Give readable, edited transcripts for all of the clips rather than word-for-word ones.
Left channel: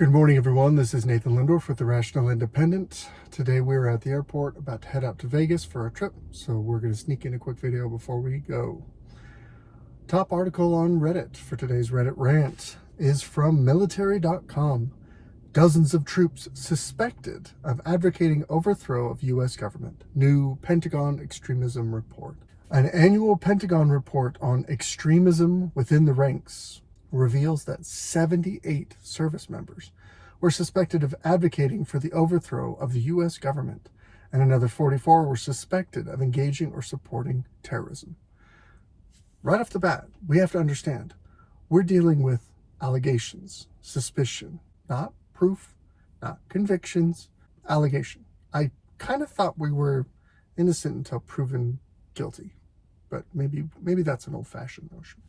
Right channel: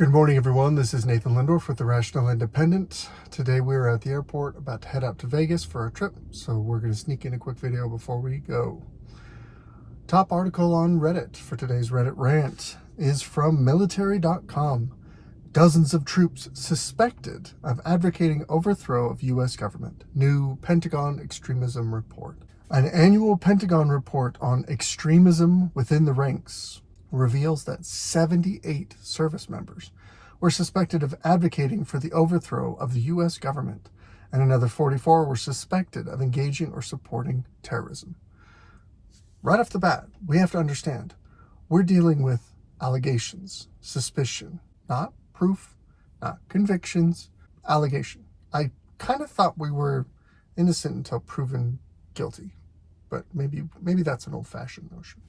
Good morning, everyone. This is Nathan Lindorf with the Rational Independent. Today we're at the airport about to head out to Vegas for a trip, so we're going to sneak in a quick video before we go. Top article on Reddit for today's Reddit rant is from military.com. Dozens of troops suspected of advocating overthrow of U.S. government. New Pentagon extremism report. An annual Pentagon report on extremism within the ranks reveals that 78 service members were suspected of advocating for the overthrow of the U.S. government, and another 44 were suspected of engaging or supporting terrorism. Right off the bat, we have to understand, we're dealing with allegations, suspicion, not proof, not convictions, allegation. I kind of thought we were innocent until proven guilty, but maybe that's an old-fashioned notion,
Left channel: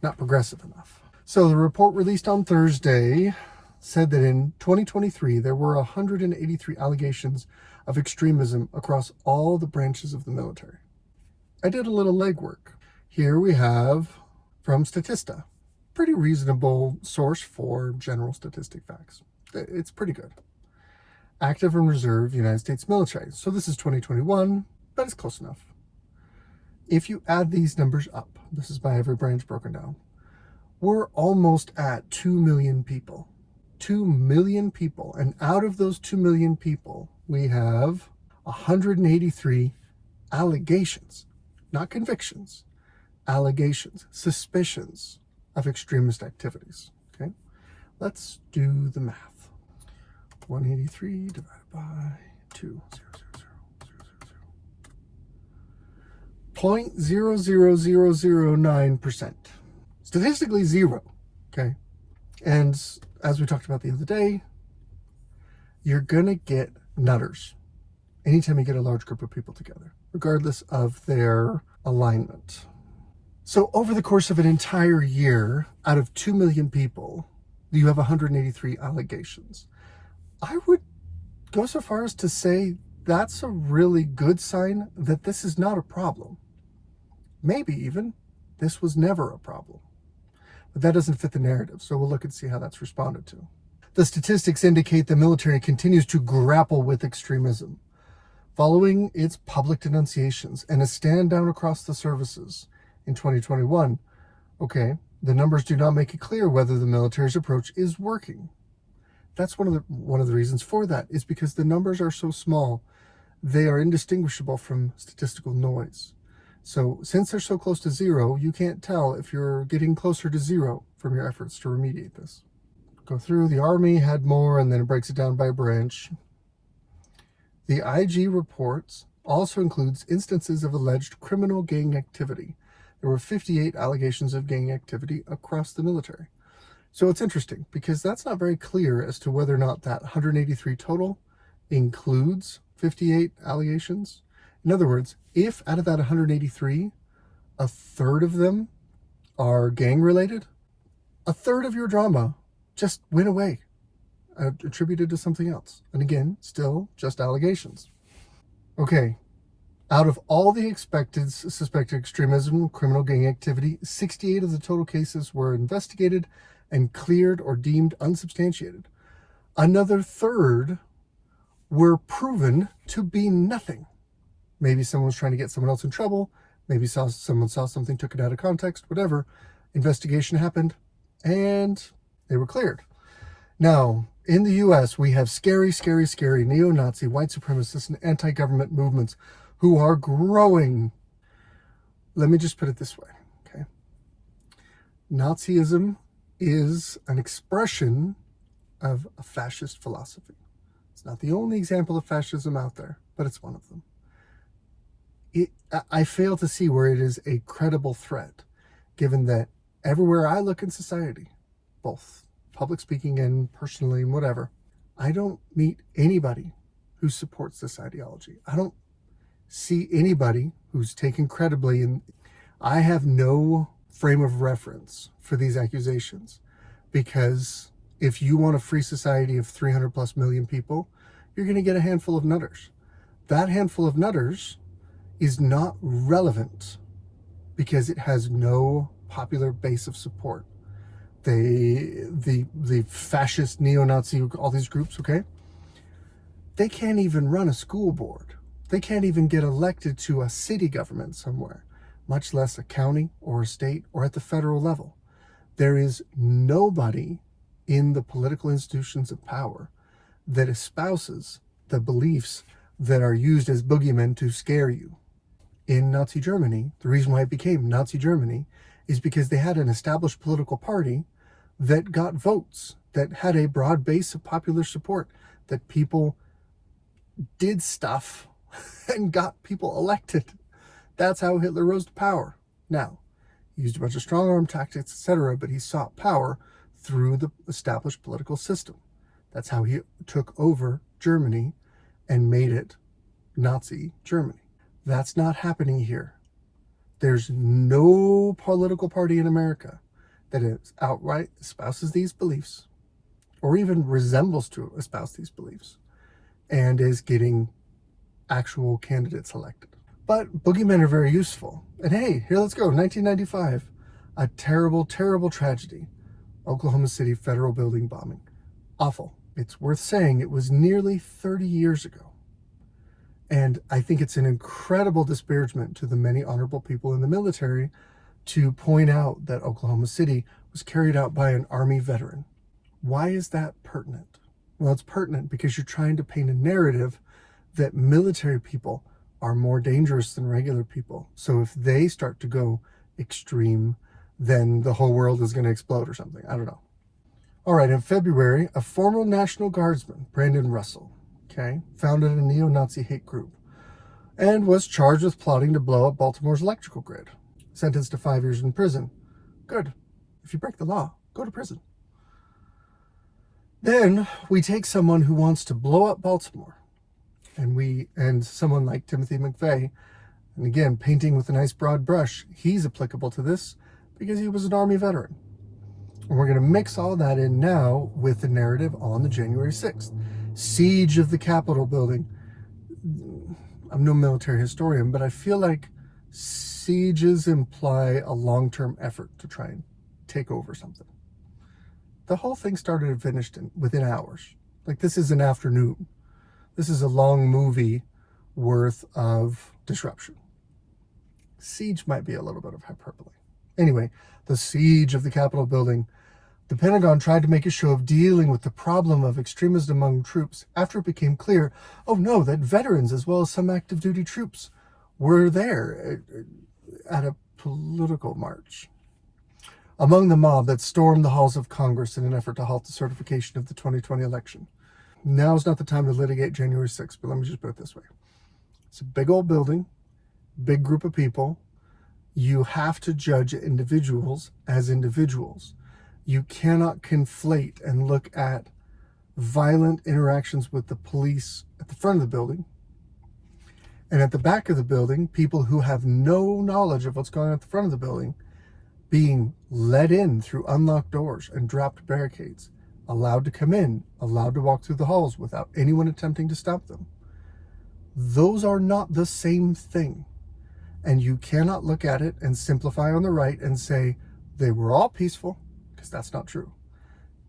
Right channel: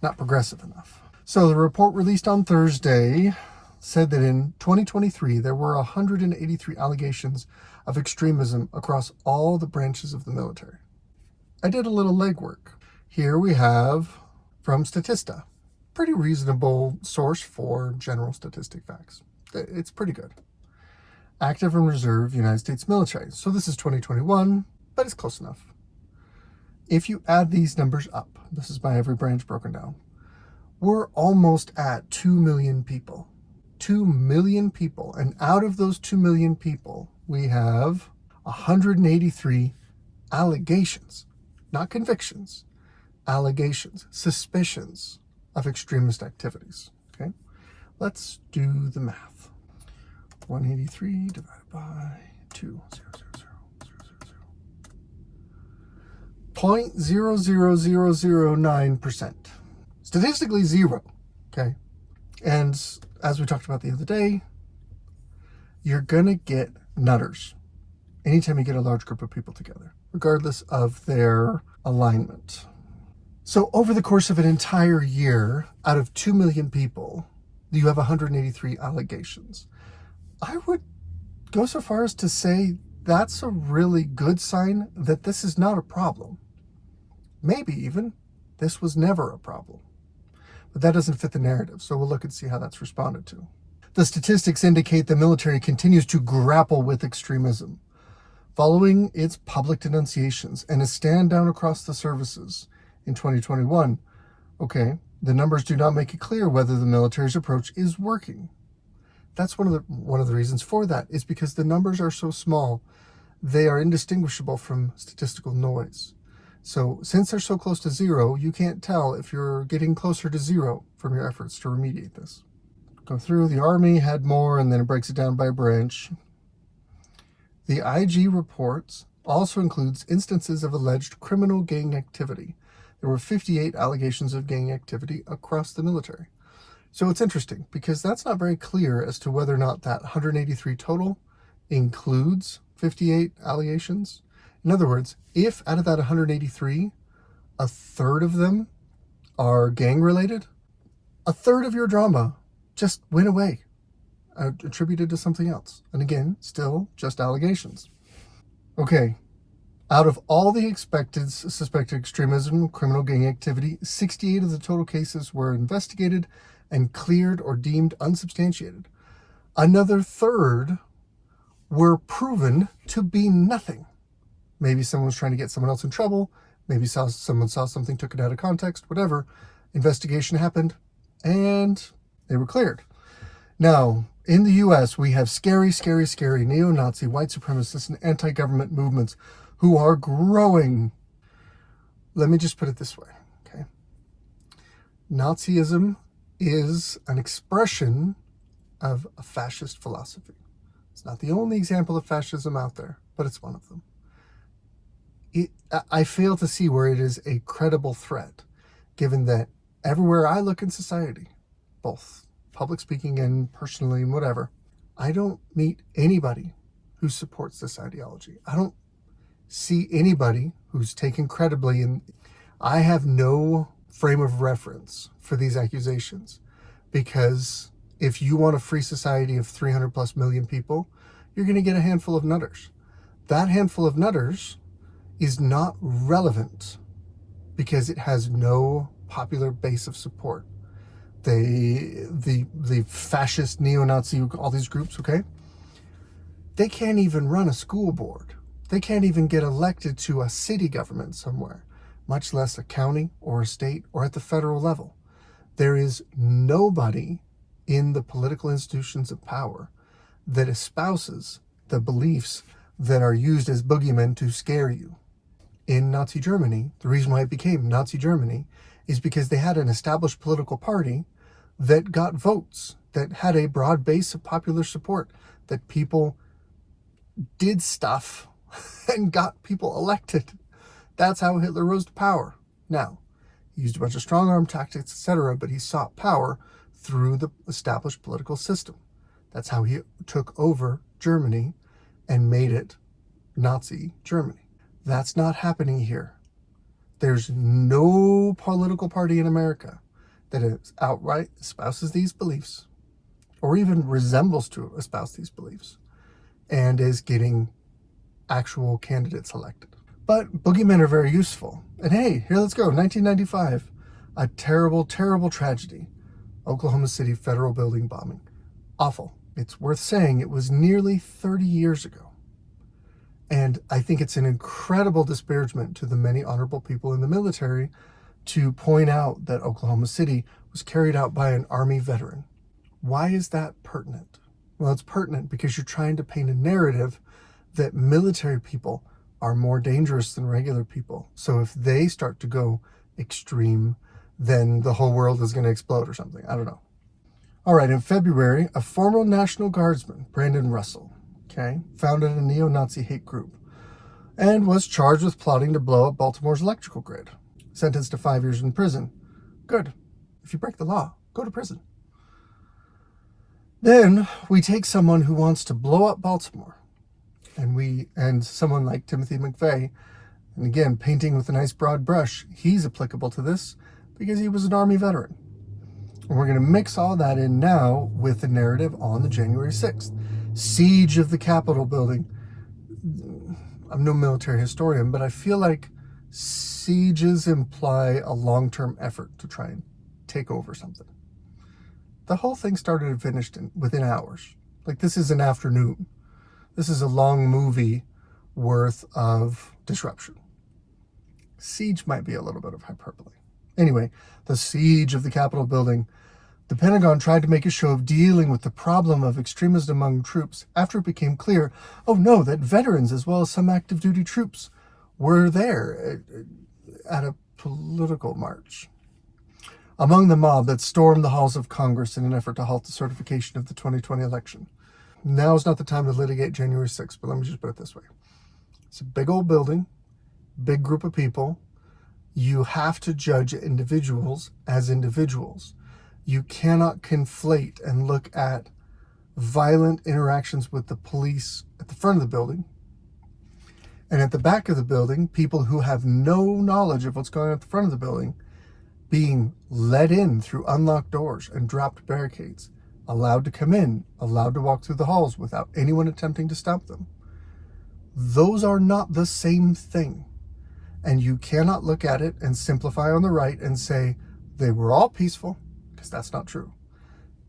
not progressive enough. So the report released on Thursday said that in 2023, there were 183 allegations of extremism across all the branches of the military. I did a little legwork. Here we have from Statista, pretty reasonable source for general statistic facts. It's pretty good. Active and reserve United States military. So this is 2021, but it's close enough. If you add these numbers up, this is by every branch broken down, we're almost at 2 million people. 2 million people. And out of those 2 million people, we have 183 allegations, not convictions, allegations, suspicions of extremist activities. Okay, let's do the math. 183 divided by 2, 0.000009%. Statistically zero, okay? And as we talked about the other day, you're gonna get nutters anytime you get a large group of people together, regardless of their alignment. So over the course of an entire year, out of 2 million people, you have 183 allegations. I would go so far as to say that's a really good sign that this is not a problem. Maybe even this was never a problem. But that doesn't fit the narrative, so we'll look and see how that's responded to. The statistics indicate the military continues to grapple with extremism. Following its public denunciations and a stand down across the services in 2021, okay, the numbers do not make it clear whether the military's approach is working. That's one of the reasons for that, is because the numbers are so small, they are indistinguishable from statistical noise. So since they're so close to zero, you can't tell if you're getting closer to zero from your efforts to remediate this. Go through, the Army had more, and then it breaks it down by branch. The IG reports also includes instances of alleged criminal gang activity. There were 58 allegations of gang activity across the military. So it's interesting because that's not very clear as to whether or not that 183 total includes 58 allegations. In other words, if out of that 183, a third of them are gang related, a third of your drama just went away, attributed to something else. And again, still just allegations. Okay, out of all the suspected extremism, criminal gang activity, 68 of the total cases were investigated and cleared or deemed unsubstantiated. Another third were proven to be nothing. Maybe someone was trying to get someone else in trouble. Maybe someone saw something, took it out of context, whatever. Investigation happened, and they were cleared. Now, in the U.S., we have scary neo-Nazi, white supremacist, and anti-government movements who are growing. Let me just put it this way, okay? Nazism is an expression of a fascist philosophy. It's not the only example of fascism out there, but it's one of them. I fail to see where it is a credible threat, given that everywhere I look in society, both public speaking and personally and whatever, I don't meet anybody who supports this ideology. I don't see anybody who's taken credibly, and I have no frame of reference for these accusations, because if you want a free society of 300 plus million people, you're going to get a handful of nutters. That handful of nutters is not relevant because it has no popular base of support. the fascist, neo-Nazi, all these groups, okay? They can't even run a school board. They can't even get elected to a city government somewhere, much less a county or a state or at the federal level. There is nobody in the political institutions of power that espouses the beliefs that are used as boogeymen to scare you. In Nazi Germany, the reason why it became Nazi Germany is because they had an established political party that got votes, that had a broad base of popular support, that people did stuff and got people elected. That's how Hitler rose to power. Now, he used a bunch of strong arm tactics, etc., but he sought power through the established political system. That's how he took over Germany and made it Nazi Germany. That's not happening here. There's no political party in America that is outright espouses these beliefs, or even resembles to espouse these beliefs, and is getting actual candidates elected. But boogeymen are very useful. And hey, here let's go. 1995, a terrible, terrible tragedy. Oklahoma City federal building bombing. Awful. It's worth saying it was nearly 30 years ago. And I think it's an incredible disparagement to the many honorable people in the military to point out that Oklahoma City was carried out by an Army veteran. Why is that pertinent? Well, it's pertinent because you're trying to paint a narrative that military people are more dangerous than regular people. So if they start to go extreme, then the whole world is going to explode or something. I don't know. All right, in February, a former National Guardsman, Brandon Russell, founded a neo-Nazi hate group and was charged with plotting to blow up Baltimore's electrical grid. Sentenced to 5 years in prison. Good. If you break the law, go to prison. Then we take someone who wants to blow up Baltimore, and someone like Timothy McVeigh, and again, painting with a nice broad brush, he's applicable to this because he was an Army veteran. And we're going to mix all that in now with the narrative on the January 6th. Siege of the Capitol building. I'm no military historian, but I feel like sieges imply a long-term effort to try and take over something. The whole thing started and finished within hours. Like, this is an afternoon. This is a long movie worth of disruption. Siege might be a little bit of hyperbole. Anyway, the siege of the Capitol building. The Pentagon tried to make a show of dealing with the problem of extremism among troops after it became clear, oh no, that veterans as well as some active duty troops were there at a political march. Among the mob that stormed the halls of Congress in an effort to halt the certification of the 2020 election. Now is not the time to litigate January 6th, but let me just put it this way. It's a big old building, big group of people. You have to judge individuals as individuals. You cannot conflate and look at violent interactions with the police at the front of the building and at the back of the building, people who have no knowledge of what's going on at the front of the building being let in through unlocked doors and dropped barricades, allowed to come in, allowed to walk through the halls without anyone attempting to stop them. Those are not the same thing. And you cannot look at it and simplify on the right and say they were all peaceful, because that's not true.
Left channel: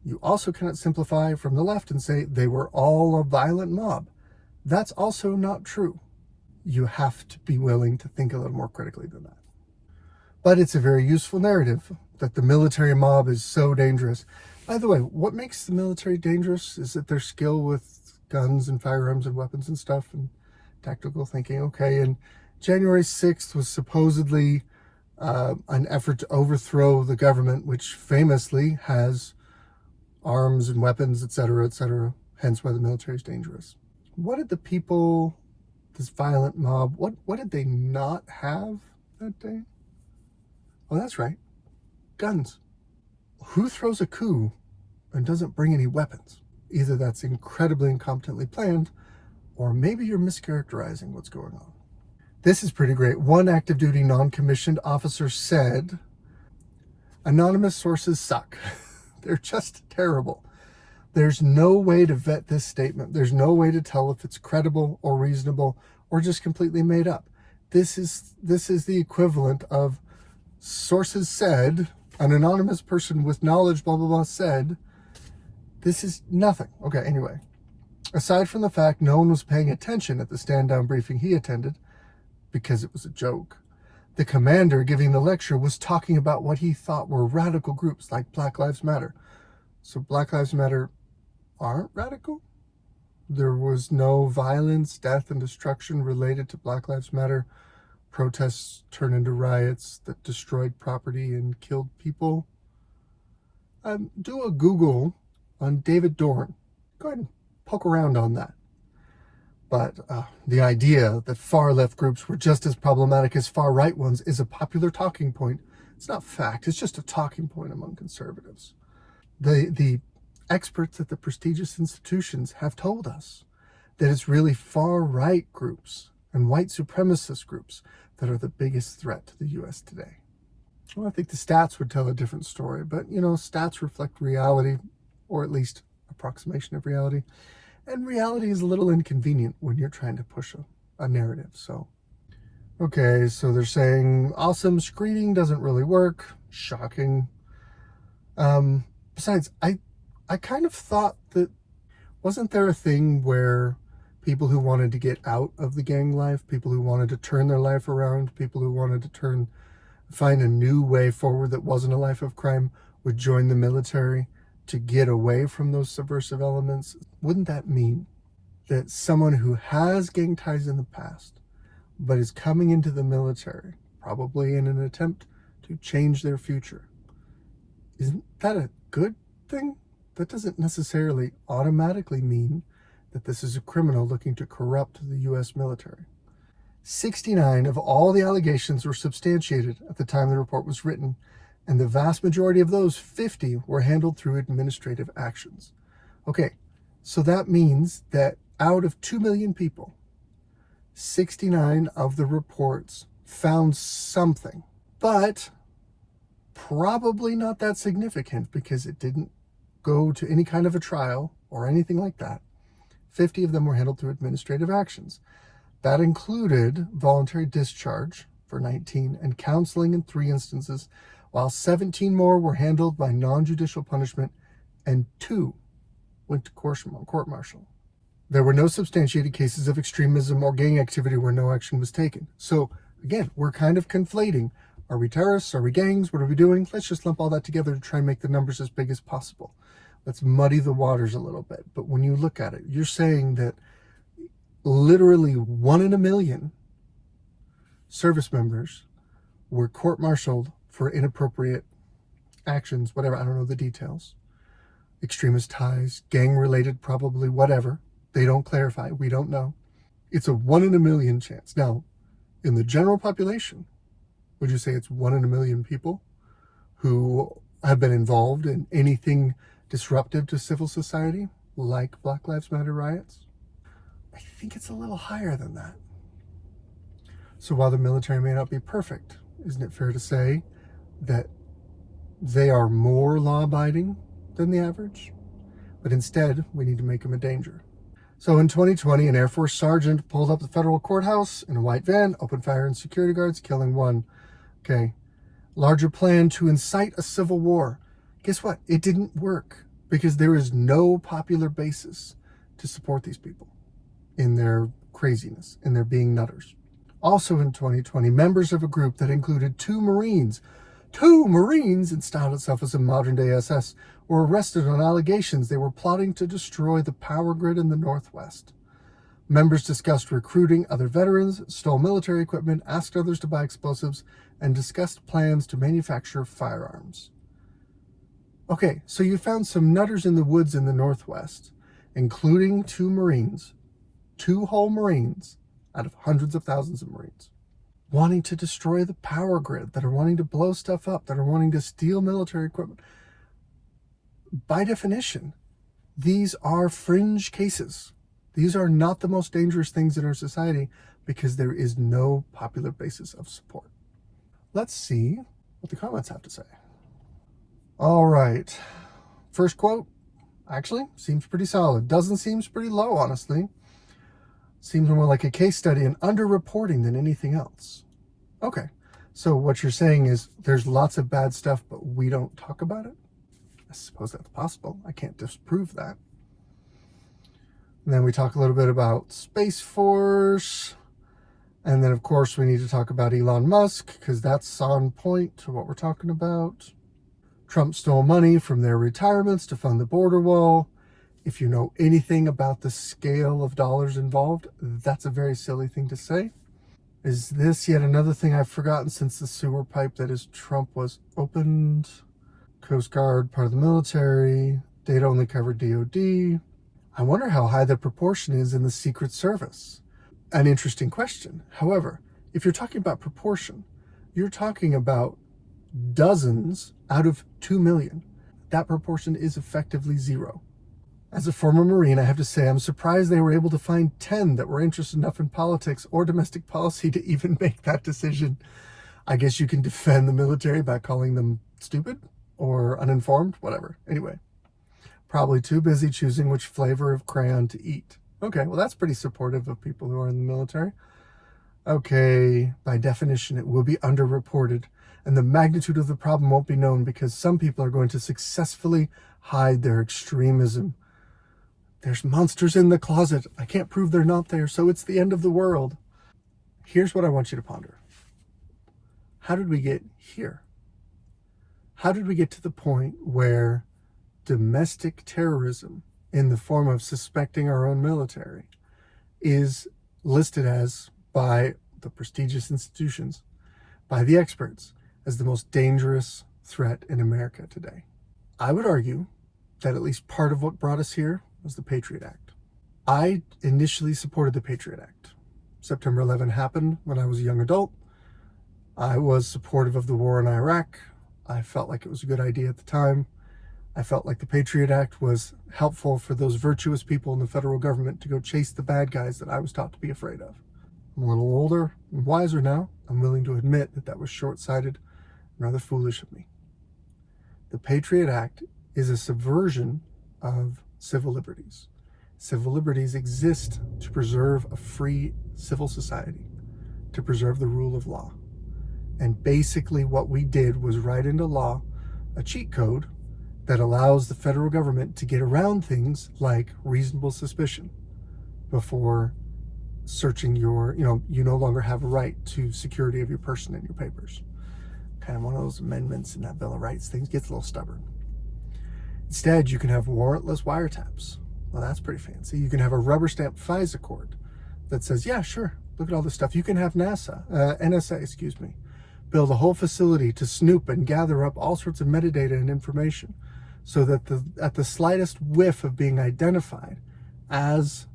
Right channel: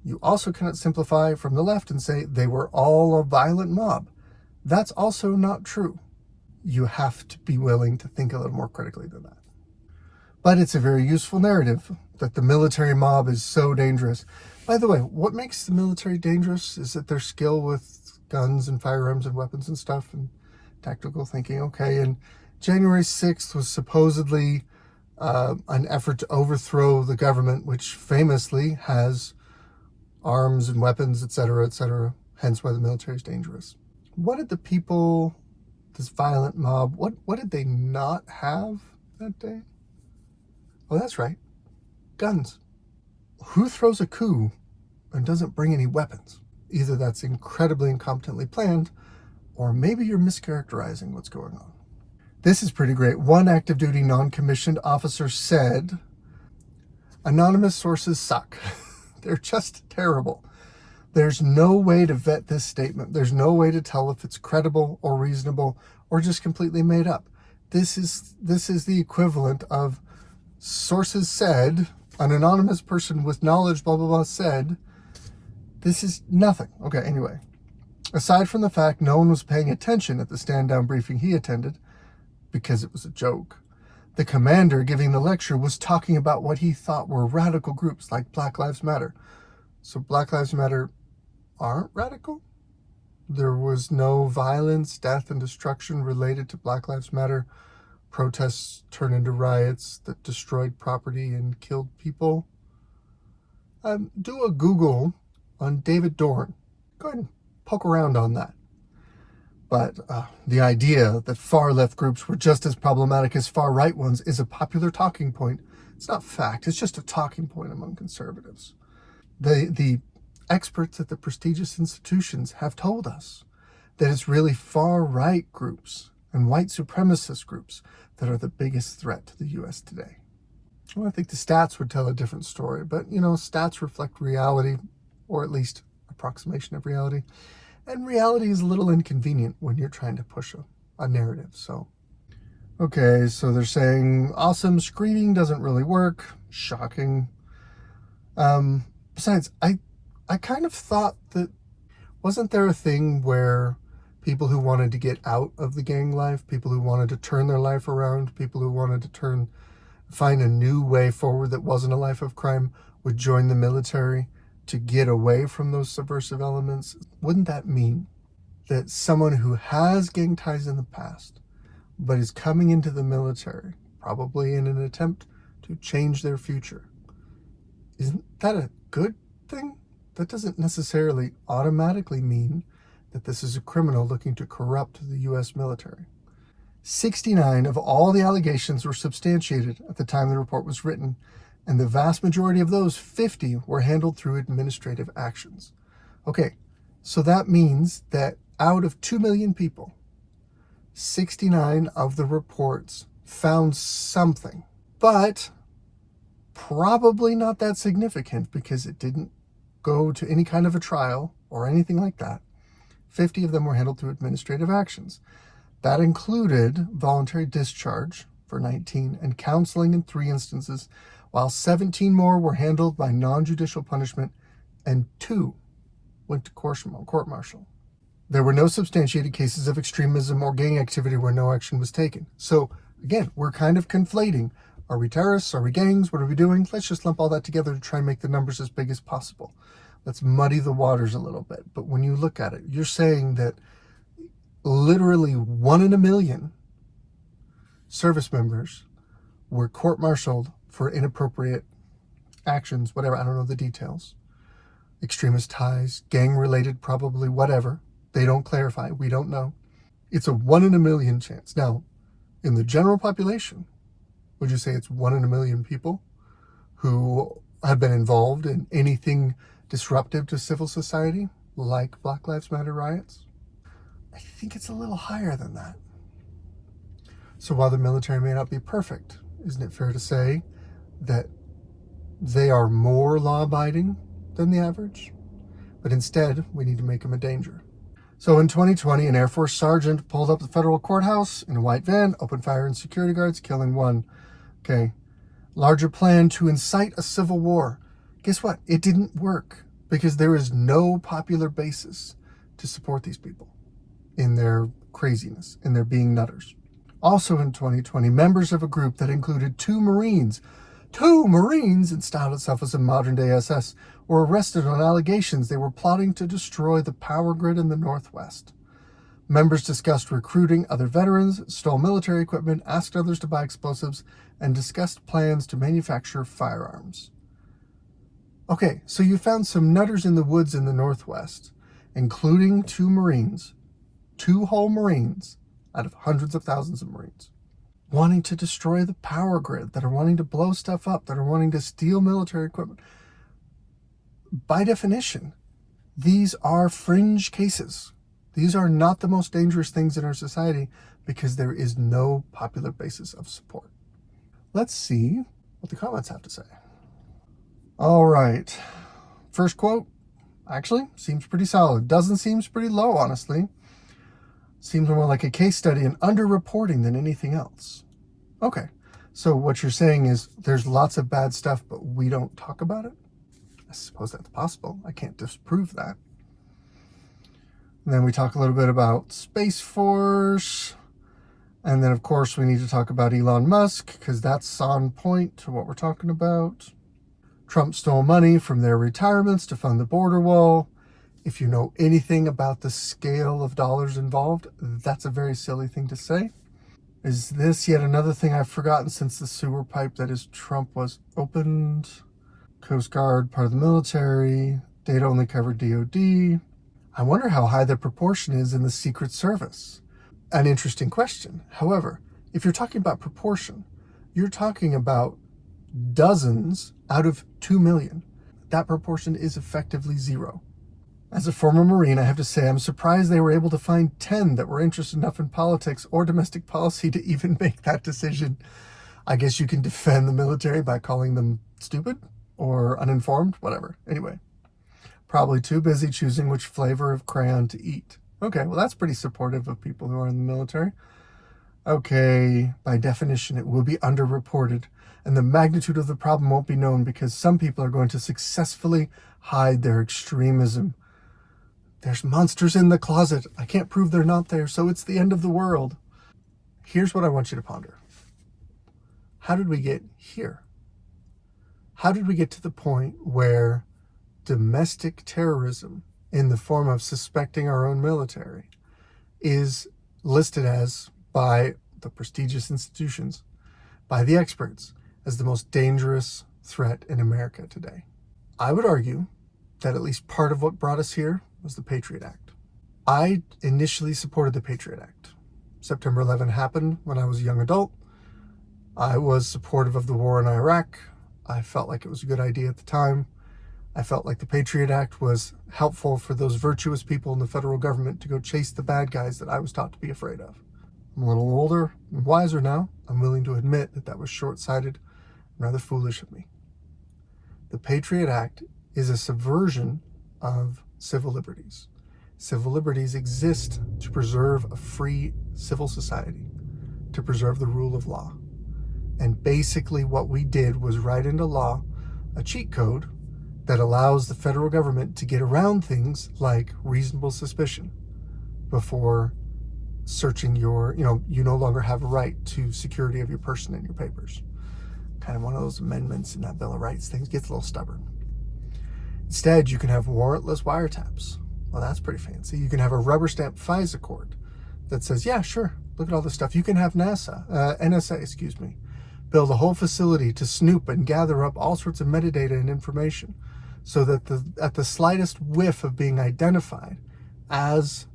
You also cannot simplify from the left and say they were all a violent mob. That's also not true. You have to be willing to think a little more critically than that. But it's a very useful narrative that the military mob is so dangerous. By the way, what makes the military dangerous is that their skill with guns and firearms and weapons and stuff and tactical thinking. Okay, and January 6th was supposedly an effort to overthrow the government, which famously has arms and weapons, etc., hence why the military is dangerous. What did the people, this violent mob, what did they not have that day? Oh, that's right, guns. Who throws a coup and doesn't bring any weapons? Either that's incredibly incompetently planned, or maybe you're mischaracterizing what's going on. This is pretty great. One active duty non-commissioned officer said, anonymous sources suck. They're just terrible. There's no way to vet this statement. There's no way to tell if it's credible or reasonable or just completely made up. This is the equivalent of sources said An anonymous person with knowledge, blah, blah, blah, said, this is nothing. Okay, anyway. Aside from the fact no one was paying attention at the stand-down briefing he attended, because it was a joke, the commander giving the lecture was talking about what he thought were radical groups like Black Lives Matter. So Black Lives Matter aren't radical? There was no violence, death, and destruction related to Black Lives Matter. Protests turned into riots that destroyed property and killed people. Do a Google on David Dorn. Go ahead and poke around on that. But the idea that far-left groups were just as problematic as far-right ones is a popular talking point. It's not fact. It's just a talking point among conservatives. The experts at the prestigious institutions have told us that it's really far-right groups and white supremacist groups that are the biggest threat to the U.S. today. Well, I think the stats would tell a different story, but, stats reflect reality, or at least approximation of reality. And reality is a little inconvenient when you're trying to push a narrative. So they're saying awesome screening doesn't really work. Shocking. Besides, I kind of thought that, wasn't there a thing where people who wanted to get out of the gang life, people who wanted to turn their life around, people who wanted to find a new way forward that wasn't a life of crime would join the military to get away from those subversive elements? Wouldn't that mean that someone who has gang ties in the past, but is coming into the military, probably in an attempt to change their future, isn't that a good thing? That doesn't necessarily automatically mean that this is a criminal looking to corrupt the U.S. military. 69 of all the allegations were substantiated at the time the report was written, and the vast majority of those, 50, were handled through administrative actions. Okay, so that means that out of 2 million people, 69 of the reports found something, but probably not that significant because it didn't go to any kind of a trial or anything like that. 50 of them were handled through administrative actions. That included voluntary discharge for 19 and counseling in 3 instances, while 17 more were handled by non-judicial punishment and 2 went to court-martial. There were no substantiated cases of extremism or gang activity where no action was taken. So again, we're kind of conflating. Are we terrorists? Are we gangs? What are we doing? Let's just lump all that together to try and make the numbers as big as possible. Let's muddy the waters a little bit. But when you look at it, you're saying that literally 1 in a million service members were court-martialed for inappropriate actions, whatever, I don't know the details. Extremist ties, gang-related, probably, whatever. They don't clarify. We don't know. It's a 1 in a million chance. Now, in the general population, would you say it's 1 in a million people who have been involved in anything disruptive to civil society, like Black Lives Matter riots? I think it's a little higher than that. So while the military may not be perfect, isn't it fair to say that they are more law-abiding than the average? But instead, we need to make them a danger. So in 2020, an Air Force sergeant pulled up the federal courthouse in a white van, opened fire on security guards, killing 1. Okay. Larger plan to incite a civil war. Guess what? It didn't work because there is no popular basis to support these people in their craziness, in their being nutters. Also in 2020, members of a group that included 2 Marines and styled itself as a modern-day SS, were arrested on allegations they were plotting to destroy the power grid in the Northwest. Members discussed recruiting other veterans, stole military equipment, asked others to buy explosives, and discussed plans to manufacture firearms. Okay, so you found some nutters in the woods in the Northwest, including 2 Marines, 2 whole Marines out of hundreds of thousands of Marines, wanting to destroy the power grid, that are wanting to blow stuff up, that are wanting to steal military equipment. By definition, these are fringe cases. These are not the most dangerous things in our society because there is no popular basis of support. Let's see what the comments have to say. All right. First quote, actually, seems pretty solid. Doesn't seem pretty low, honestly. Seems more like a case study in underreporting than anything else. Okay, So what you're saying is there's lots of bad stuff, but we don't talk about it? I suppose that's possible. I can't disprove that. And then we talk a little bit about Space Force. And then, of course, we need to talk about Elon Musk, because that's on point to what we're talking about. Trump stole money from their retirements to fund the border wall. If you know anything about the scale of dollars involved, that's a very silly thing to say. Is this yet another thing I've forgotten since the sewer pipe that is Trump was opened? Coast Guard, part of the military. Data only covered DOD. I wonder how high the proportion is in the Secret Service. An interesting question. However, if you're talking about proportion, you're talking about dozens out of 2 million. That proportion is effectively zero. As a former Marine, I have to say I'm surprised they were able to find 10 that were interested enough in politics or domestic policy to even make that decision. I guess you can defend the military by calling them stupid or uninformed, whatever. Anyway, probably too busy choosing which flavor of crayon to eat. Okay, well, that's pretty supportive of people who are in the military. Okay, by definition, it will be underreported, and the magnitude of the problem won't be known because some people are going to successfully hide their extremism. There's monsters in the closet. I can't prove they're not there, so it's the end of the world. Here's what I want you to ponder. How did we get here? How did we get to the point where domestic terrorism in the form of suspecting our own military is listed as, by the prestigious institutions, by the experts, as the most dangerous threat in America today? I would argue that at least part of what brought us here was the Patriot Act. I initially supported the Patriot Act. September 11 happened when I was a young adult. I was supportive of the war in Iraq. I felt like it was a good idea at the time. I felt like the Patriot Act was helpful for those virtuous people in the federal government to go chase the bad guys that I was taught to be afraid of. I'm a little older and wiser now. I'm willing to admit that that was short-sighted and rather foolish of me. The Patriot Act is a subversion of civil liberties. Civil liberties exist to preserve a free civil society, to preserve the rule of law. And basically what we did was write into law a cheat code that allows the federal government to get around things like reasonable suspicion before searching your, you no longer have a right to security of your person and your papers. Kind of one of those amendments in that Bill of Rights. Things gets a little stubborn. Instead, you can have warrantless wiretaps. Well, that's pretty fancy. You can have a rubber stamp FISA court that says, yeah, sure, look at all this stuff. You can have NSA, build a whole facility to snoop and gather up all sorts of metadata and information so that at the slightest whiff of being identified as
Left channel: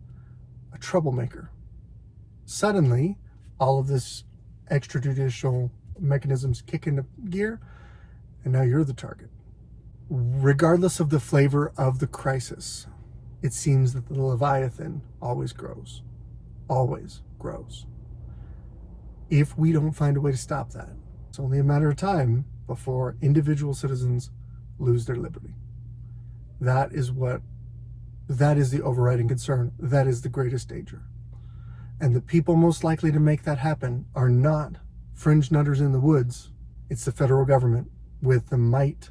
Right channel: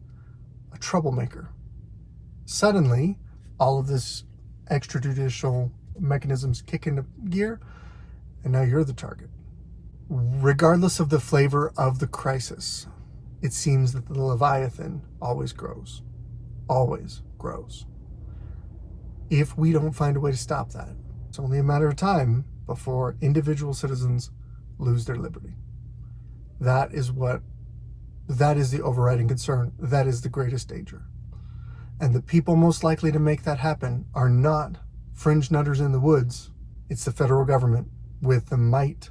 a troublemaker, suddenly all of this extrajudicial mechanisms kick into gear, and now you're the target. Regardless of the flavor of the crisis, it seems that the Leviathan always grows. Always grows. If we don't find a way to stop that, it's only a matter of time before individual citizens lose their liberty. That is the overriding concern. That is the greatest danger. And the people most likely to make that happen are not fringe nutters in the woods. It's the federal government with the might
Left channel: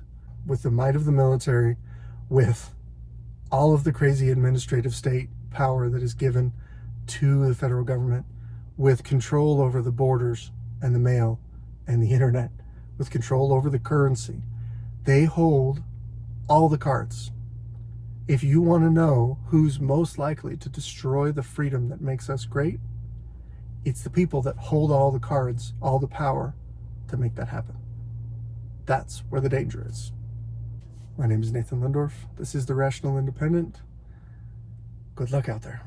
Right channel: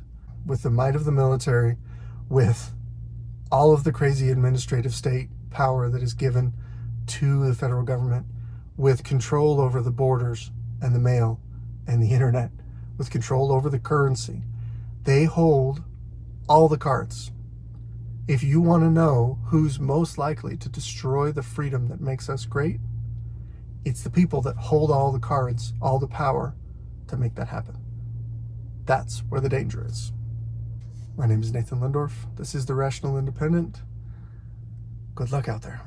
of the military, with all of the crazy administrative state power that is given to the federal government, with control over the borders and the mail and the internet, with control over the currency. They hold all the cards. If you want to know who's most likely to destroy the freedom that makes us great, it's the people that hold all the cards, all the power to make that happen. That's where the danger is. My name is Nathan Lindorf. This is The Rational Independent. Good luck out there.